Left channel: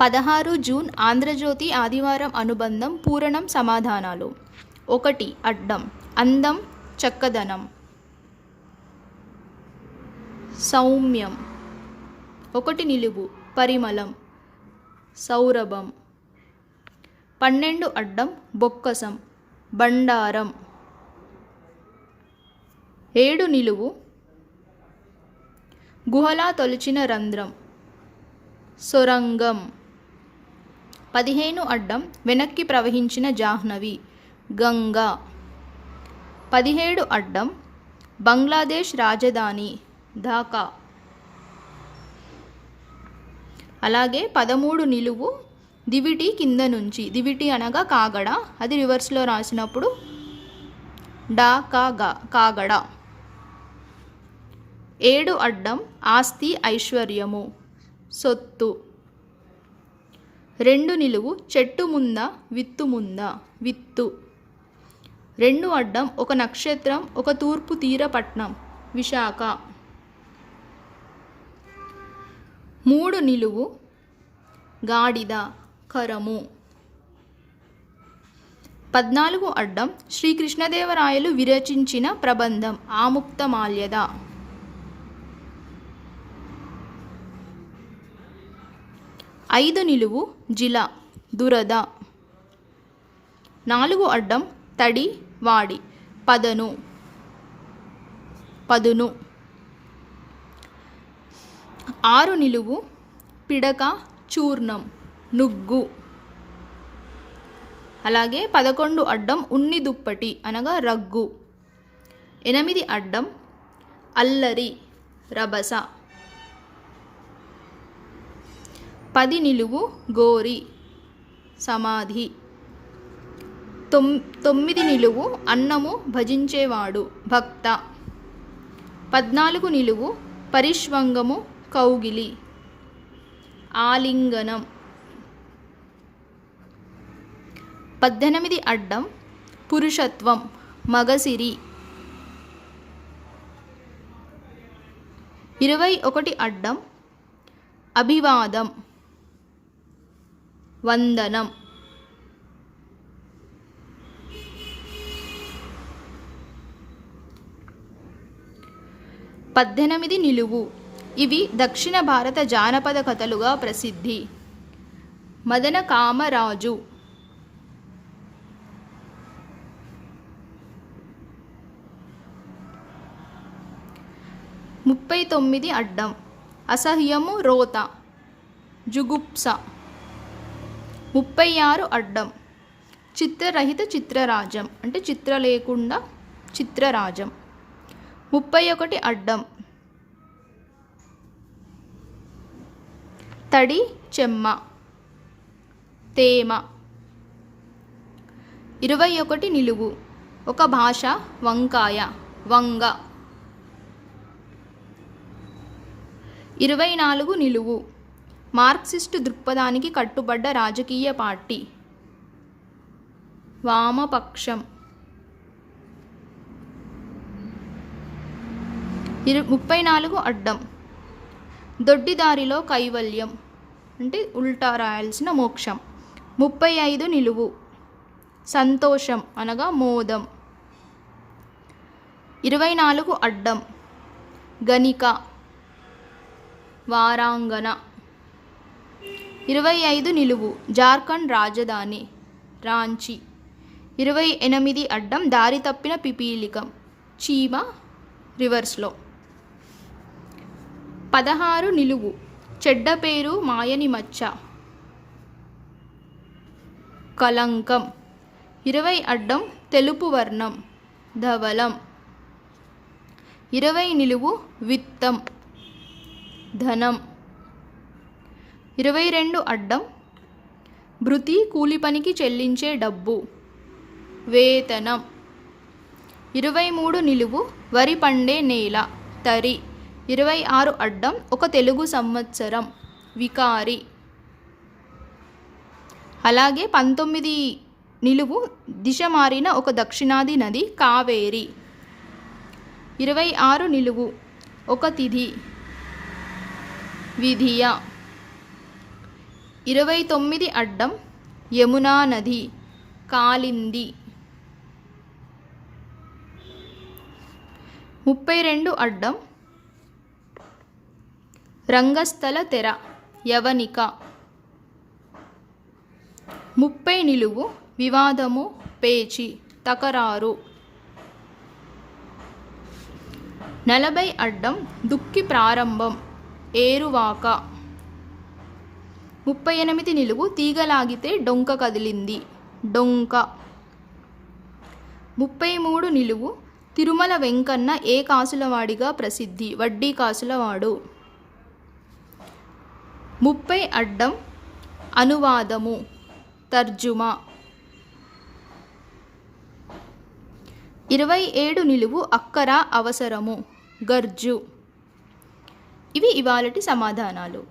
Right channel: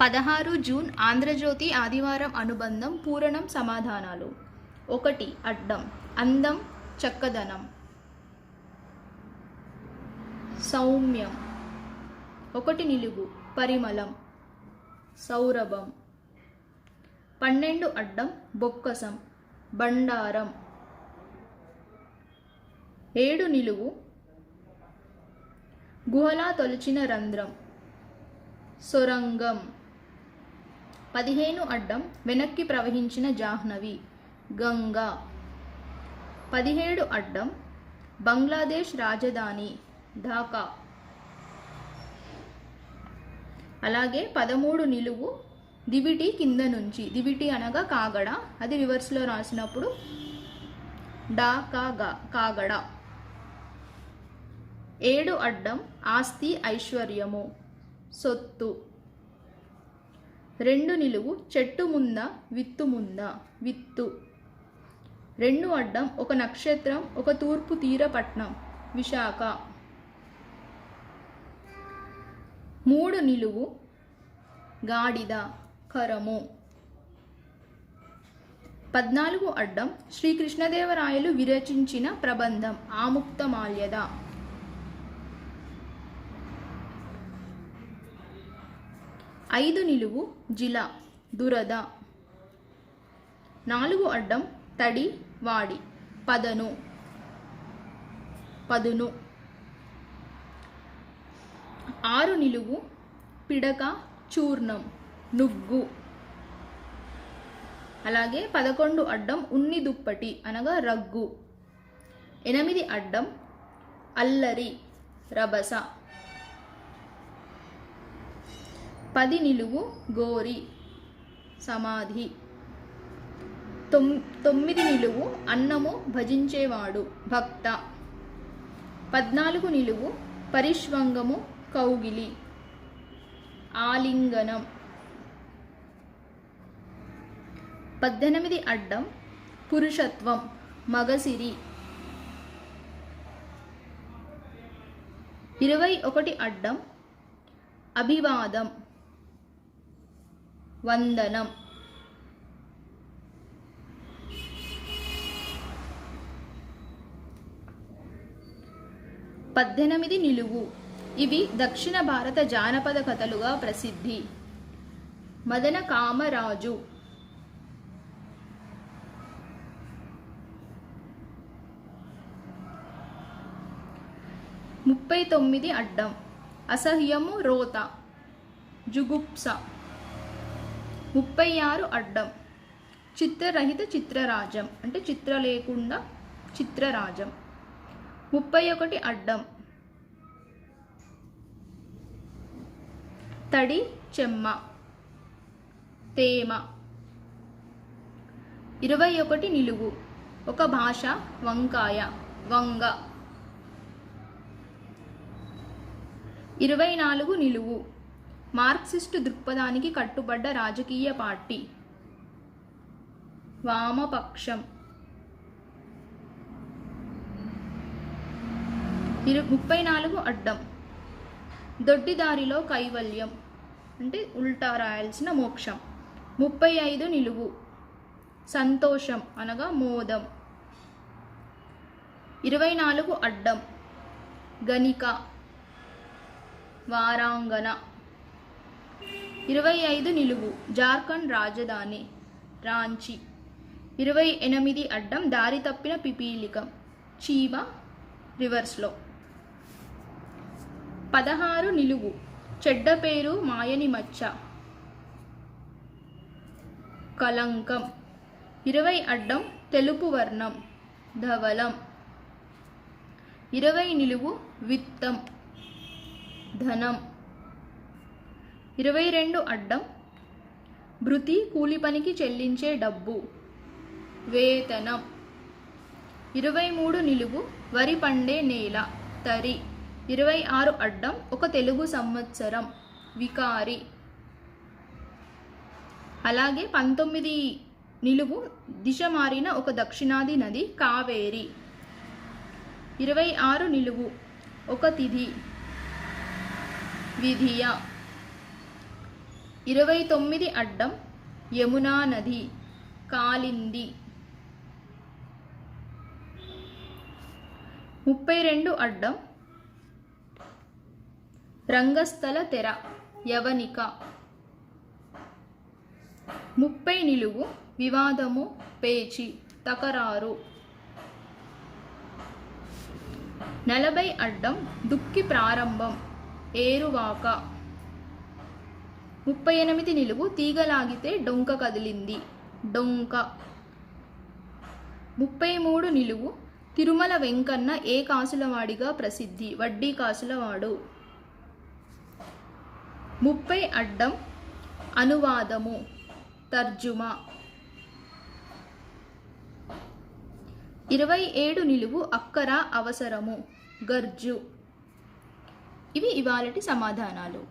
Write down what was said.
16 June Andhra Jyothi ఆదివారం అనుబంధం పూరణం సమాధానాలు. 1 అడ్డం అందం చక్కదనం సౌమ్యం. 1 నిలువు పరిమళం సౌరభం. 12 అడ్డం బొక్కసం బండారం. 7 నిలువు గుహలా తొలిచిన రంధ్రం సొరంగం. 15 అడ్డం వెనక్కి ప్రవహించిన జాహ్నవి గంగా. 17 అడ్డం బంగ్లాదేశ్ రాజధాని ఢాకా. అలాగే 13 నిలువు దివిటి కింద నుంచి, దివిటి అనగా కాగడ, అది రివర్స్లో రాసినప్పుడు డాకాగా కాగడ. 7 అడ్డం ఆస్తి ఐశ్వర్యము సొత్తు. 2 నిలువు చెట్టు ముంద విత్తు ముంద విత్తు. 2 అడ్డం ఒక నక్షత్రం ఒక తూర్పు తీర పట్నం విశాఖ. 3 నిలువు గాడిద కరము. 14 అడ్డం శ్రీకృష్ణదేవరాయలు విరచించిన ప్రబంధం ఆముక్తమాల్యద. 5 నిలువు జిల దురద. 4 అడ్డం తడి వాడి పదును. 6 నిలువు పిడక చూర్ణం నుగ్గు. అలాగే 11 అడ్డం ఉన్ని దుప్పటి అనగా రగ్గు. 8 అడ్డం అల్లరి రభస. 10 నిలువు గోరి సమాధి. 9 నిలువు అన్నము భజించేవాడు భక్త. 14 నిలువు పరిష్వంగము కౌగిలి ఆలింగనం. 18 అడ్డం పురుషత్వం మగసిరి. 21 అడ్డం అభివాదం వందనం. 18 నిలువు ఇవి దక్షిణ భారత జానపద కథలుగా ప్రసిద్ధి. మదన కామరాజు. 39 అడ్డం అసహ్యము రోత జుగుప్స. 36 అడ్డం చిత్రరహిత చిత్రరాజం అంటే చిత్ర లేకుండా చిత్రరాజం. 31 అడ్డం తడి చెమ్మ తేమ. 21 నిలువు ఒక భాష వంకాయ వంగ. 24 నిలువు మార్క్సిస్టు దృక్పథానికి కట్టుబడ్డ రాజకీయ పార్టీ వామపక్షం. 34 అడ్డం దొడ్డిదారిలో కైవల్యం అంటే ఉల్టా రాయాల్సిన మోక్షం. 35 నిలువు సంతోషం అనగా మోదం. 24 అడ్డం గణిక వారాంగణ. 25 నిలువు జార్ఖండ్ రాజధాని రాంచీ. 28 అడ్డం దారి తప్పిన పిపీలికం చీమ రివర్స్లో. 16 నిలువు చెడ్డ పేరు మాయని మచ్చ కలంకం. 20 అడ్డం తెలుపు వర్ణం ధవలం. 20 నిలువు విత్తం ధనం. 22 అడ్డం భృతి కూలి పనికి చెల్లించే డబ్బు వేతనం. 23 నిలువు వరి పండే నేల తరి. 26 అడ్డం ఒక తెలుగు సంవత్సరం వికారి. అలాగే 19 నిలువు దిశ మారిన ఒక దక్షిణాది నది కావేరి. 26 నిలువు ఒక తిథి విధియ. 29 అడ్డం యమునా నది కాలింది. 32 అడ్డం రంగస్థల తెర యవనిక. 30 నిలువు వివాదము పేచి తకరారు. 40 అడ్డం దుక్కి ప్రారంభం ఏరువాక. 38 నిలువు తీగలాగితే డొంక కదిలింది డొంక. 33 నిలువు తిరుమల వెంకన్న ఏ కాసులవాడిగా ప్రసిద్ధి వడ్డీ కాసులవాడు. 30 అడ్డం అనువాదము తర్జుమా. 27 నిలువు అక్కర అవసరము గర్జు. ఇవి ఇవాళటి సమాధానాలు.